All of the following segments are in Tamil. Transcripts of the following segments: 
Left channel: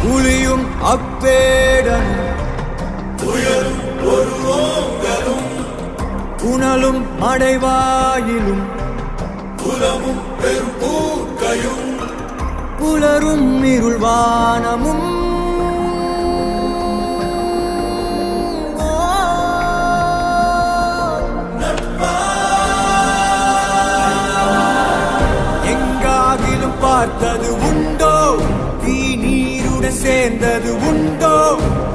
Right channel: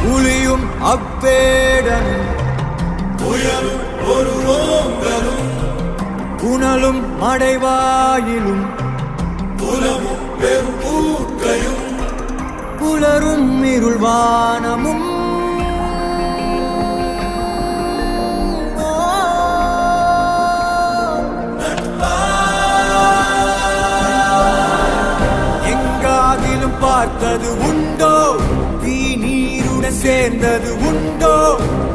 புலியும் அவ்வேடனும் புனலும் மடைவாயிலும் புலரும் இருள்வானமும் எங்காகிலும் பார்த்தது உண்டோ தீ நீருடன் சேர்ந்தது உண்டோ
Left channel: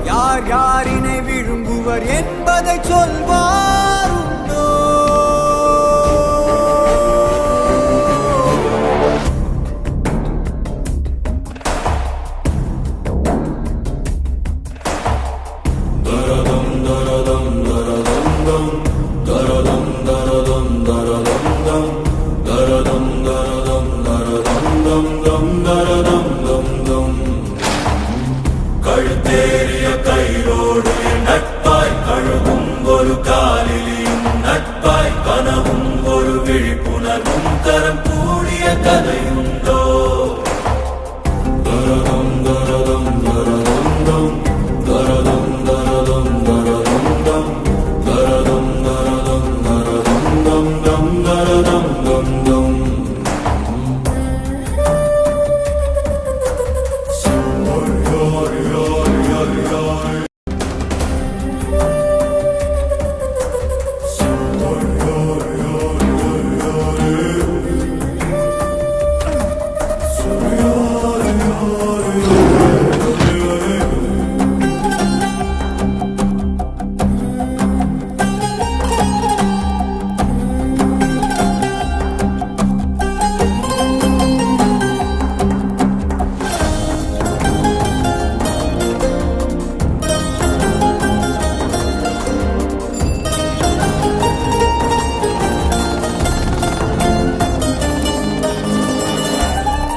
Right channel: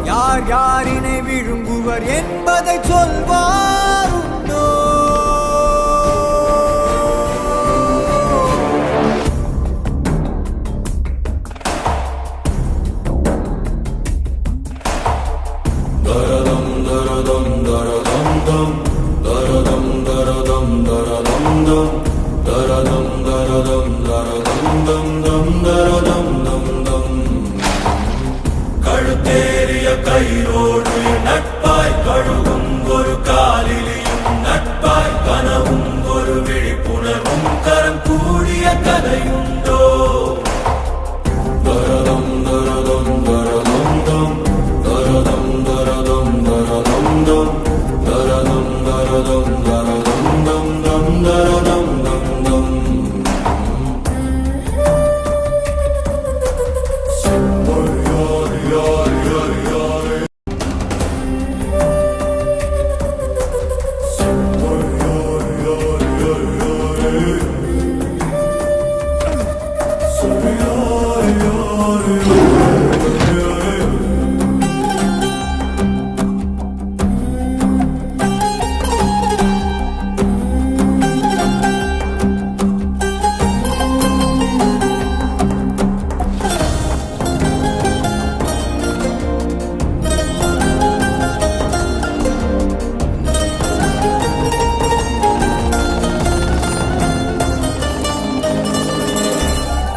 யார் யாரினை விழுங்குவர் என்பதை சொல்வார் உண்டோ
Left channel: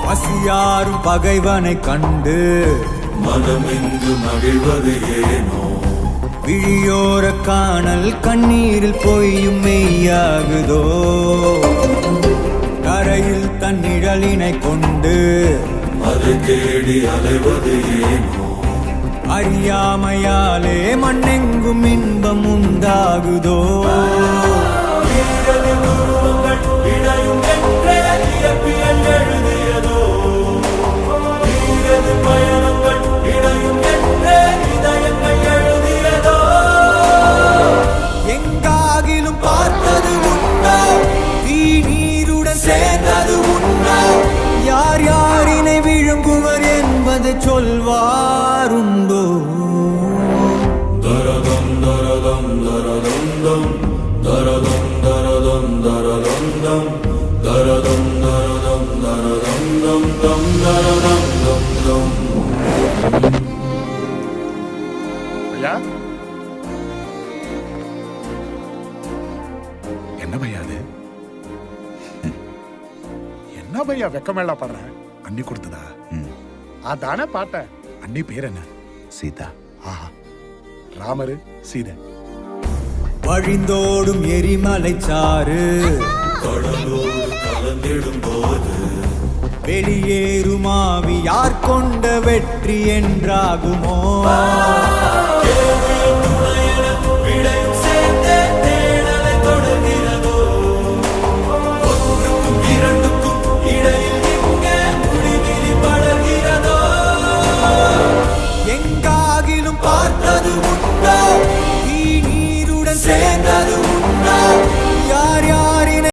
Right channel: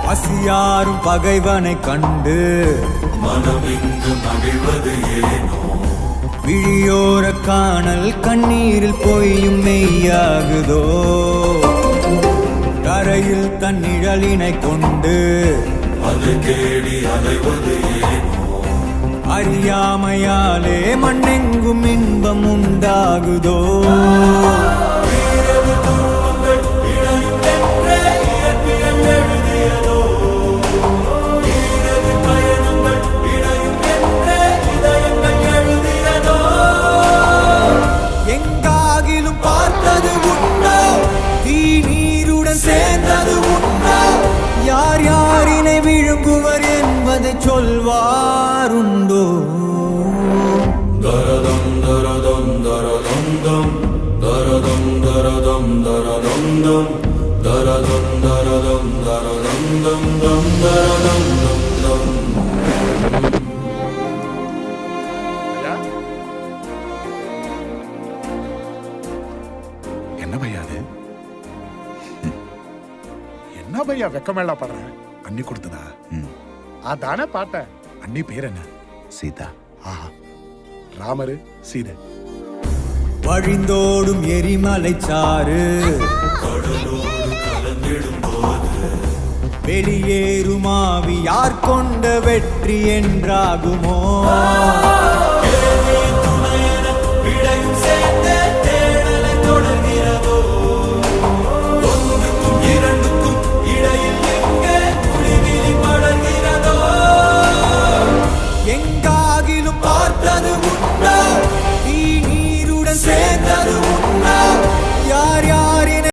பசியாரும் பகைவனை கண்டு மனமின்று மகிழ்வது ஏனோ விழியோர காணல் கண்ணீரில் பொய்யும் மெய்யாகுதோ கரையில் தன் நிழலினை கொண்டு அதை தேடி அலைவது ஏனோ அறியாமையாலே மண்ணெங்கும் இன்பம் உண்டாகுதோ எங்காகிலும் பார்த்தது உண்டோ தீ நீருடன் சேர்ந்தது உண்டோ யார் யாரினை விழுங்குவர் என்பதை சொல்வாருண்டோ என்ன பையா அது? என்ன பையா வெக்கமேளா படுற? அண்ணி கொடுத்ததா? அதானே பார்த்தேன். அண்ணி பேர் என்ன? சீதா. ஆஹா, ராமரு சீதை. வழிந்தோடும் எரிமலை சாறு வெளியேறுமாவி யார் கொண்ட வெற்றி என்றாகுமோ எங்காகிலும்